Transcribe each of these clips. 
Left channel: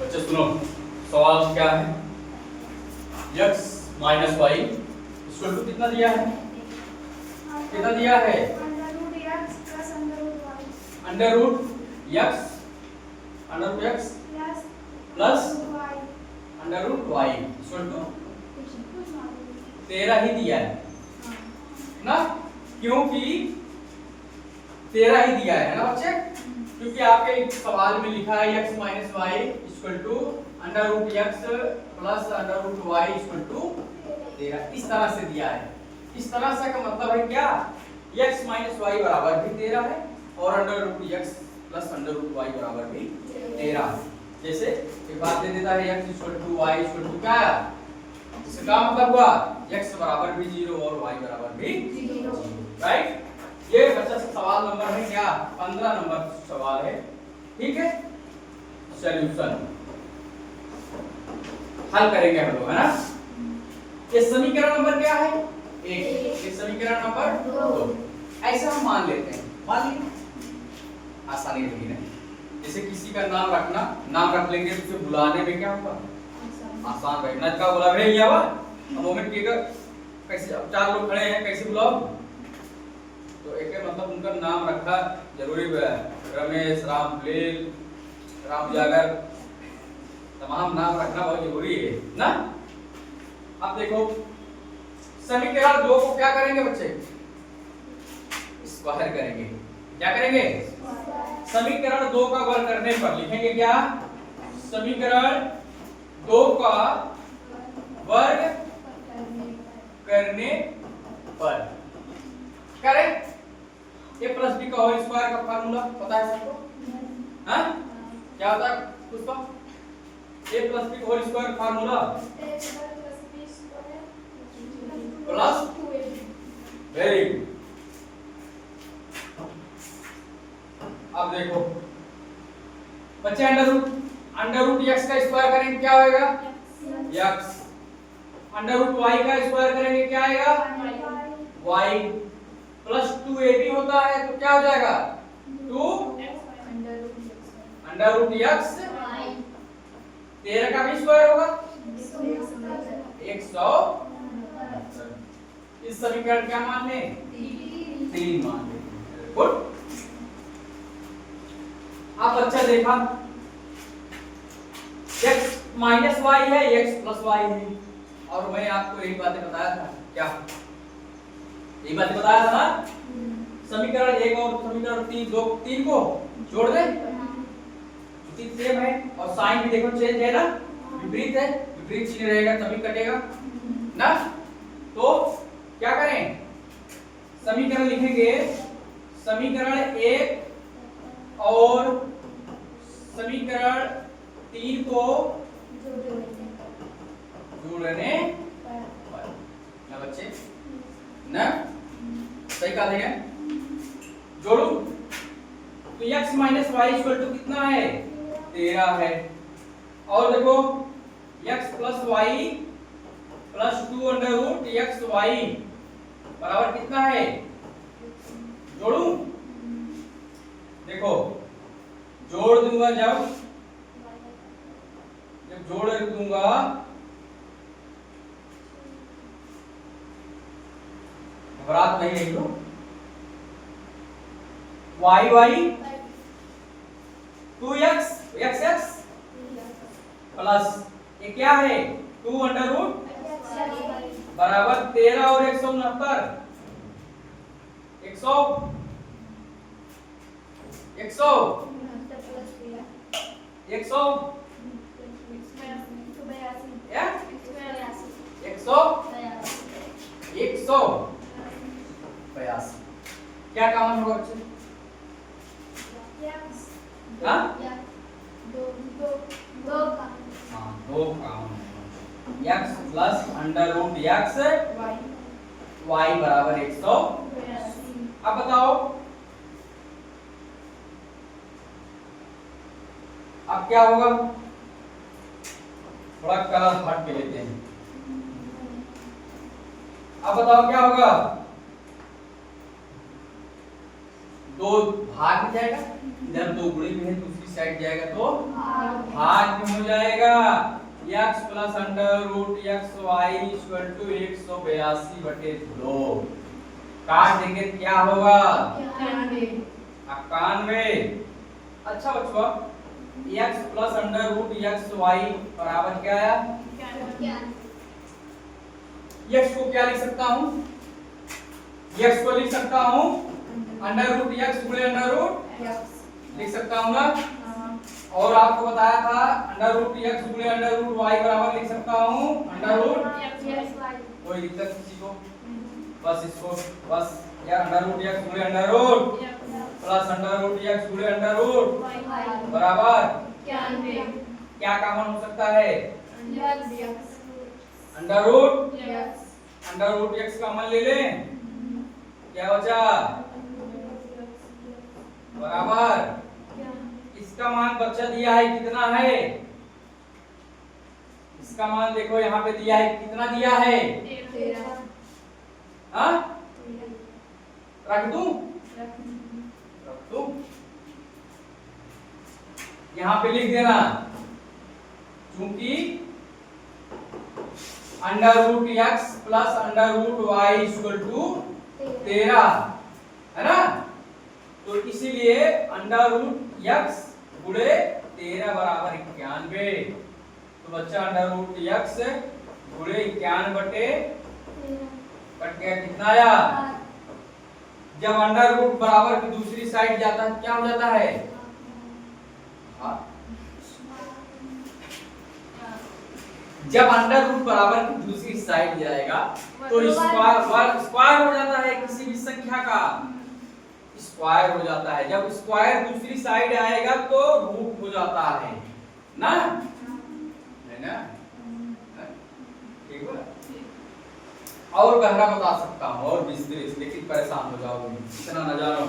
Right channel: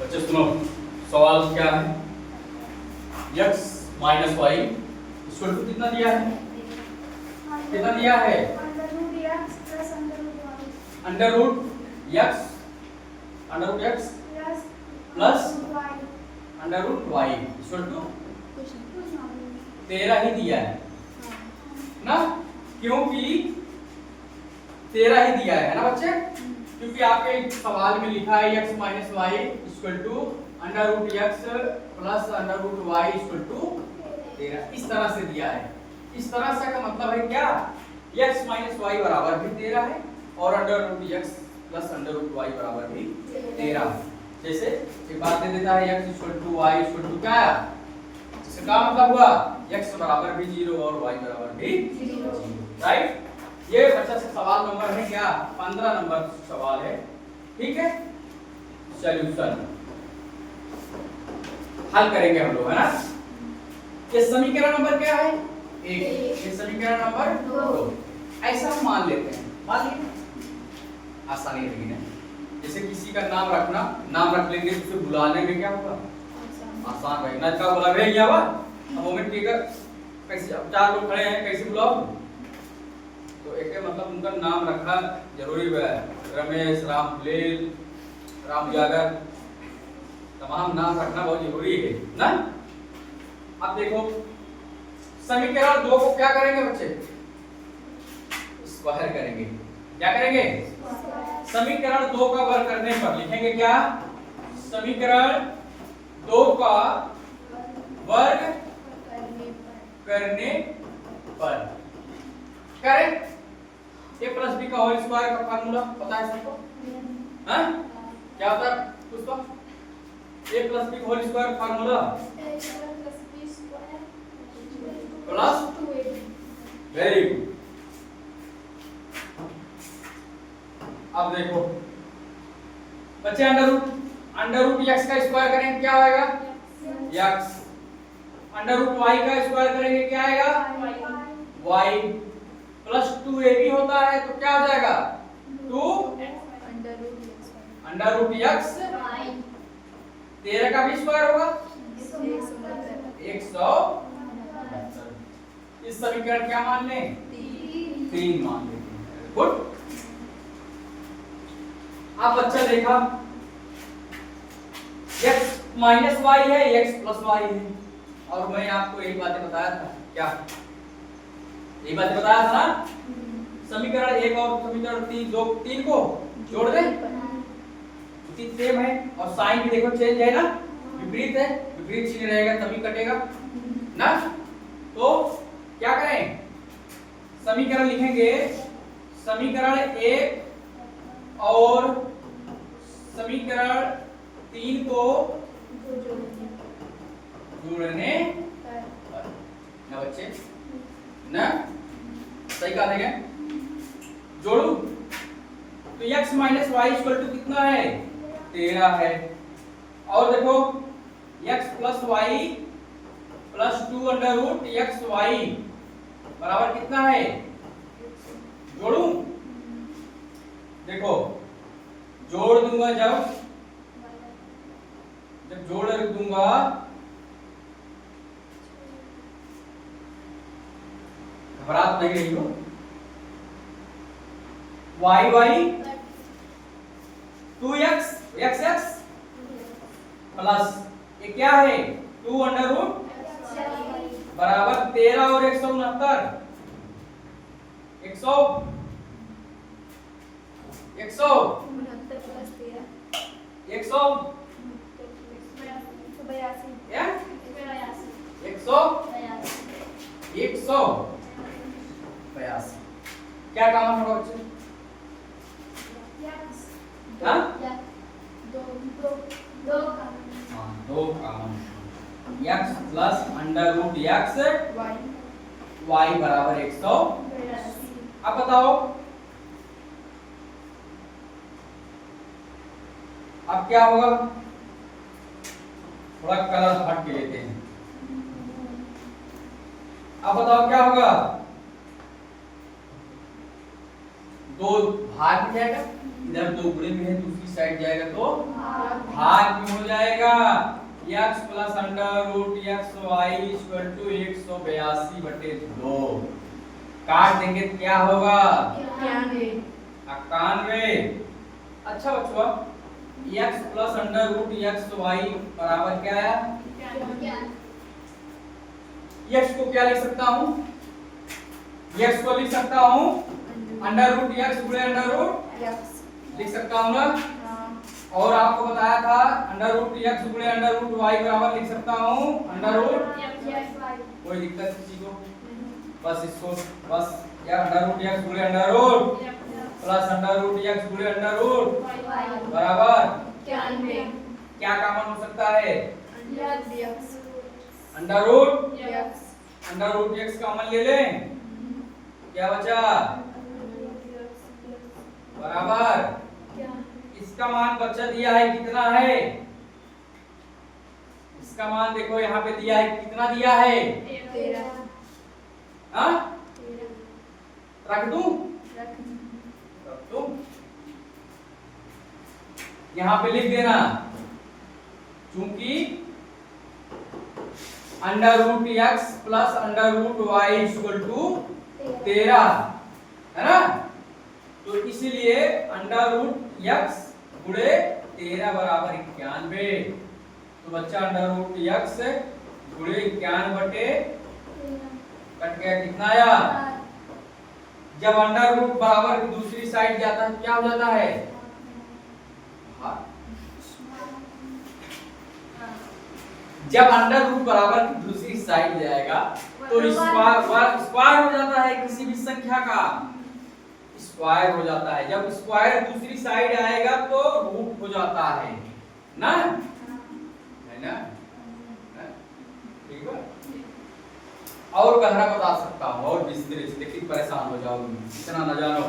बच्चे सुनो, सवाल क्या है? x minus y equal to कितना दिया है? कितना दिया है? Under root x plus under root y equal to 13 ही दिया है ना, क्योंकि 13 ही दिया है ना बच्चे, क्योंकि आपके सवाल में लिखा है x minus y equal to under root x plus under root y equal to 13, इस तरह से दिया है। इस तरह से का मतलब है क्या, x माइनस वाई बराबर भी 13 है और under root x plus under root y बराबर भी 13। जैसे एक बात दे देता है x equal to y equal to क्या, इसका मतलब हुआ x बराबर भी 0 और y बराबर भी 0, राइट। ये बच्चा से सवाल नंबर है क्या, 15 नंबर सवाल है, ठीक है। सॉल्यूशन हल करेंगे हम लोग, है ना। ये समीकरण नंबर क्या है, 1। ये समीकरण नंबर 2। ऐसा हम मान लेते हैं, मान लिए, आसानी रहेगी ना। जैसे किसी का नाम रखना, नाम रख लेंगे तो उसे बुलाने में क्या होगा, आसान रहेगा। का बोला भैया हुआ, अब मोमेंट की कैसे, अब 4 लोग खड़े हैं, कैसे बुलाओ, तो एक मतलब उनका नाम रखा जरूरी है, रमेश, राम फुलेल, राम उजागर, तमाम नाम रखना बहुत जरूरी है ना। अब देखो समीकरण 2 को क्या करेंगे बच्चे, स्क्वायर करेंगे। क्या करेंगे, समीकरण 2 का वर्ग करने पर लिखेंगे क्या, समीकरण 2 का वर्ग करने पर करें। a प्लस बी का होल स्क्वायर का फार्मूला पता है सबको, हाँ क्या होता है उसका, a प्लस बी का whole square formula plus, very good. अब देखो बच्चे अंडर रूट x का स्क्वायर करेंगे क्या होएगा, x। अंडर रूट y का स्क्वायर करेंगे क्या आएगा, y। प्लस 2ab होता है तो क्या हो जाएगा, 2 अंडर रूट x, 13 का भी स्क्वायर होगा 169। इस समीकरण क्या मान लें, 3 मान लें। गुड। आप अच्छा देखा, x माइनस वाई है, x प्लस वाई है, और मैं आपको यही बातें बताया था, क्या यही बातें बताया था ना। समीकरण 1 और समीकरण 3 को जोड़ दें, क्योंकि सेम है और साइन भी देखो चेंज है ना, विपरीत है, विपरीत चिन्ह रहेगा तभी कटेगा ना। तो क्या करें, समीकरण लिखेंगे, समीकरण 1 और समीकरण 3 को जोड़ने पर ना बच्चे ना, सही कहा देंगे, जोड़ू तो x minus y equal to कितना है, 13 है। और देखो x plus y plus 2 under root x y बराबर कितना है, जोड़ू, देखो जोड़ दूंगा, जब जोड़ दूंगा घबराहट नहीं रही हो, Y Y 2x x plus ये क्या है 2 अंडर रूट बराबर 13 और 169, 100 क्या काम होगा बच्चे, दो काम, x plus under root x y बराबर 100। अब बताओ, अब क्या होगा, थोड़ा कलर हट के लेते हैं। अब बताओ क्या होगा, 2 भाग में जाएगा, इधर 2 गुणे में है, दूसरी साइड जाएगा तो भाग में हो जाएगा x plus under root x y equal to 182/2। काट देंगे क्या होगा 91। अच्छा बच्चों x plus under root x y बराबर क्या आया? x को क्या लिख सकता हूँ? x को लिख सकता हूँ अंडर रूट x गुणे अंडर रूट लिख सकता हूँ ना। और आपको बताया था अंडर रूट x गुणे अंडर रूट y बराबर लिख सकता हूँ अंडर रूट। कोई दिक्कत किसी को? बस इसको बस या अंडर रूट x गुणे under root plus under root x गुणे अंडर रूट बराबर क्या कॉमन हो सकता है? अंडर रूट x कॉमन ले लें, क्या बचा? बराबर इसका मान बच्चा दिया है कितना है? इसका मान देखो यहाँ पे दिया है कितना दिया है? 13। हाँ रख दूं? रख दूं? यहाँ पे लिख देना क्योंकि under root x plus under root y equal to 13 है ना। तो इसीलिए अंडर रूट एक्स गुणे 13 बराबर 91। तो बच्चा अंडर रूट एक्स गुणे 91 बटे कट गया कितना आया? जब अंडर रूट बराबर की दूसरी साइड जाता है क्या हो जाता है? जब अंडर रूट बराबर की दूसरी साइड जाएगा तो स्क्वायर हो जाता है किसी भी संख्या का, स्क्वायर हो जाता है। जब स्क्वायर दूसरी साइड आएगा तो रूट हो जाता है ना, है ना? ठीक है। और गहरा बता सकता हूँ और विस्तृत, लेकिन परेशान हो जाओगे इतना न जानो।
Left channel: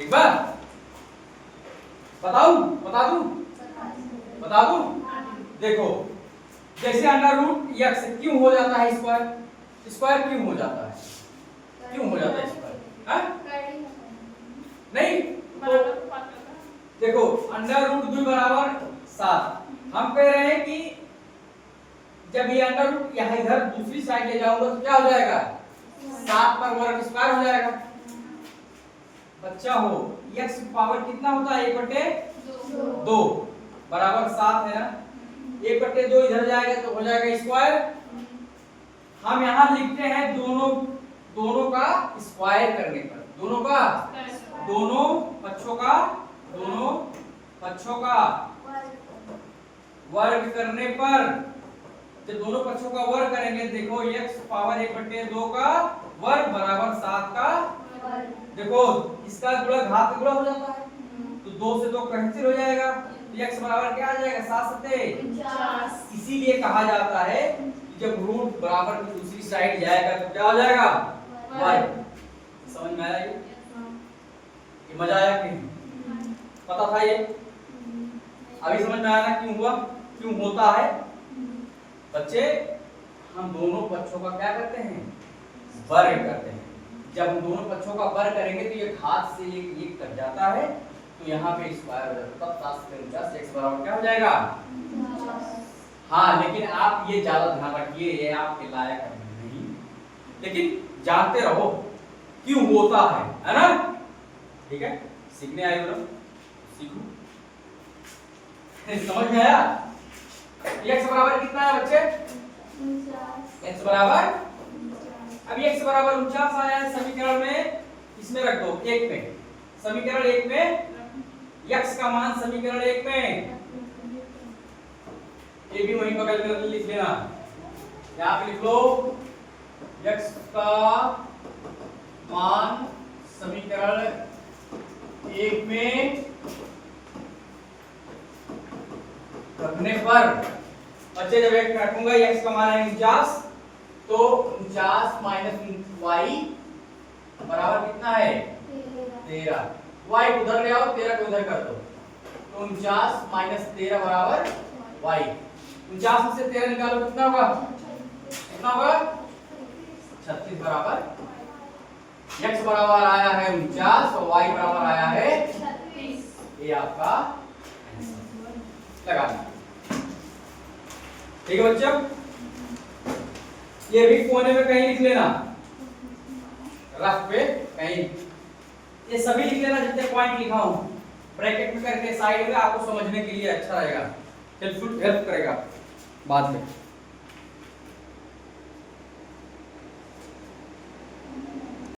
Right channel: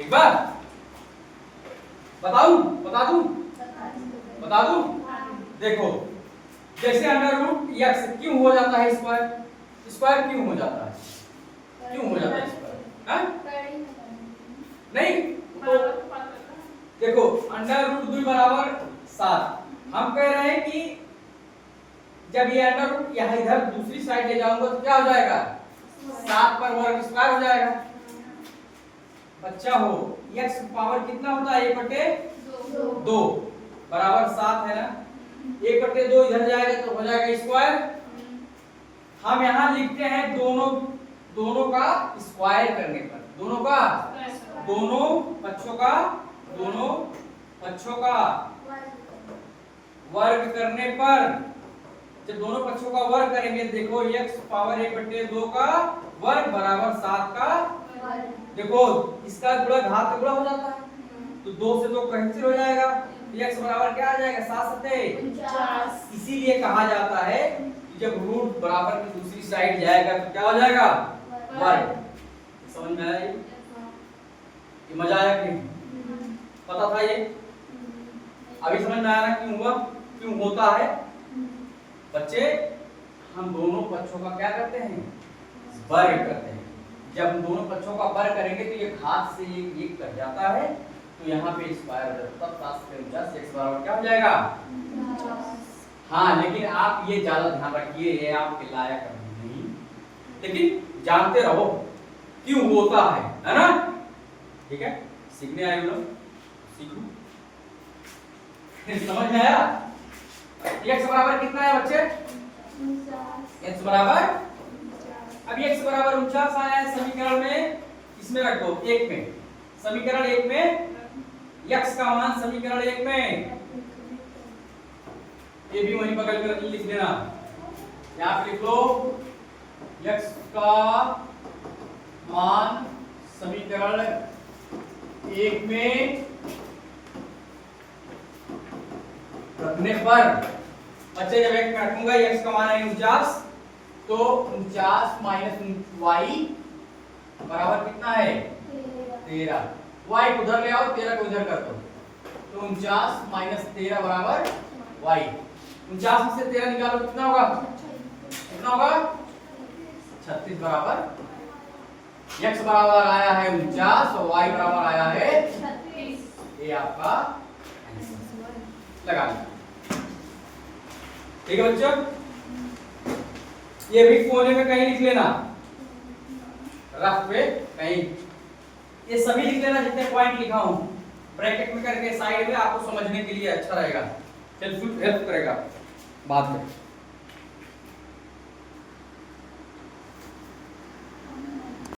एक बार बता दूं? देखो जैसे अंडर रूट एक्स क्यों हो जाता है स्क्वायर क्यों हो जाता है? स्क्वायर नहीं तो देखो अंडर रूट 2 बराबर 7। हम कह रहे हैं कि जब ये अंडर रूट यहाँ इधर दूसरी साइड ले जाऊंगा तो क्या हो जाएगा? 7 पर वर्ग स्क्वायर हो जाएगा। बच्चा हो x पावर कितना होता है? 1/2 बराबर 7 है ना। 1/2 इधर जाएगा तो हो जाएगा स्क्वायर। हम यहाँ लिखते हैं दोनों का स्क्वायर करने पर, दोनों पक्षों का वर्ग करने पर, जब दोनों पक्षों का वर्ग करेंगे देखो x पावर 1/2 का वर्ग बराबर 7 का देखो इसका गुणा घात गुणा हो जाता है तो 2 से 2 कैंसिल हो जाएगा तो x बराबर क्या आ जाएगा? 7 7 49। इसीलिए कहा जाता है जब रूट बराबर की दूसरी साइड जाएगा तो क्या हो जाएगा? वर्ग। समझ में आया? ये मजा आया कि पता था ये? अभी समझ में आया ना क्यों होता है? बच्चे हम दोनों पक्षों का क्या करते हैं? वर्ग करते हैं। जब हम दोनों पक्षों का वर्ग करेंगे तो ये घात से ये कट जाता है तो यहाँ पे स्क्वायर हो जाता है। 7 से 49 x बराबर क्या हो जाएगा? हाँ लेकिन आप ये ज्यादा ध्यान रखिए, ये आपके लायक नहीं, लेकिन जानते रहो क्यों होता है ना? ठीक है, सीखने आए हो लोग, सीखो। समझ में आया? x बराबर कितना है बच्चे? x बराबर अभी x बराबर 49 आया है समीकरण में, इसमें रख दो 1 में, समीकरण 1 में x का मान समीकरण 1 में, ये भी वहीं बगल में लिख देना, यहाँ पे लिख लो x का मान समीकरण 1 में रखने पर बच्चे जब एक रखूंगा x का मान है 49 तो 49 माइनस y बराबर कितना है? 13। y उधर ले आओ, 13 को इधर कर दो तो 49 माइनस 13 बराबर y। 49 में से 13 निकालो कितना होगा? 36 बराबर x बराबर आया है 49 और y बराबर आया है 36। ये आपका लगा लें। ठीक है बच्चों, ये भी कोने में कहीं लिख लेना, रफ पे कहीं, ये सभी लिख लेना जितने पॉइंट लिखा हूं, ब्रैकेट में करके साइड में, आपको समझने के लिए अच्छा रहेगा, हेल्पफुल हेल्प करेगा बाद में।